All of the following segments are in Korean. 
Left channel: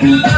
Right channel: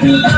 Yeah.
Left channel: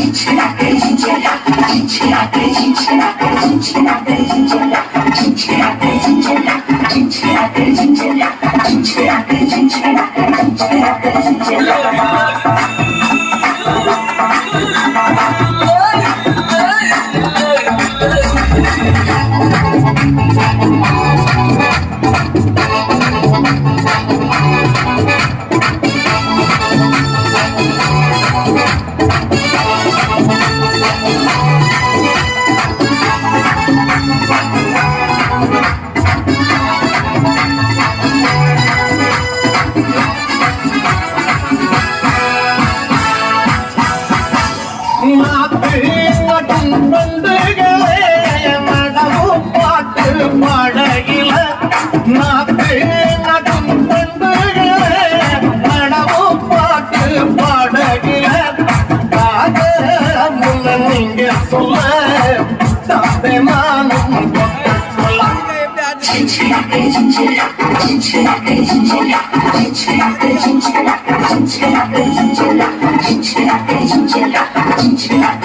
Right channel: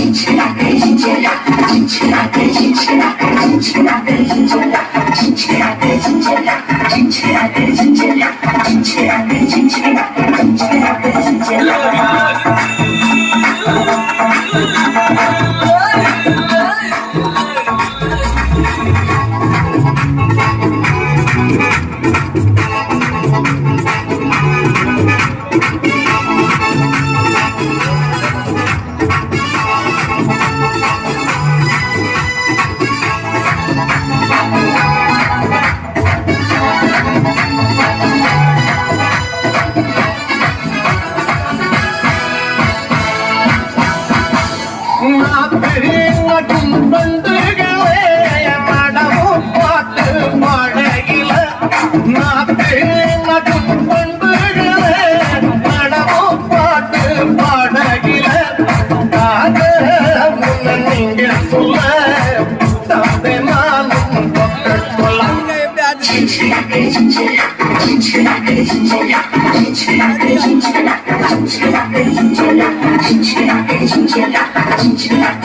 చించిన ના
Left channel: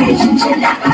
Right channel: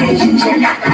眼睛睁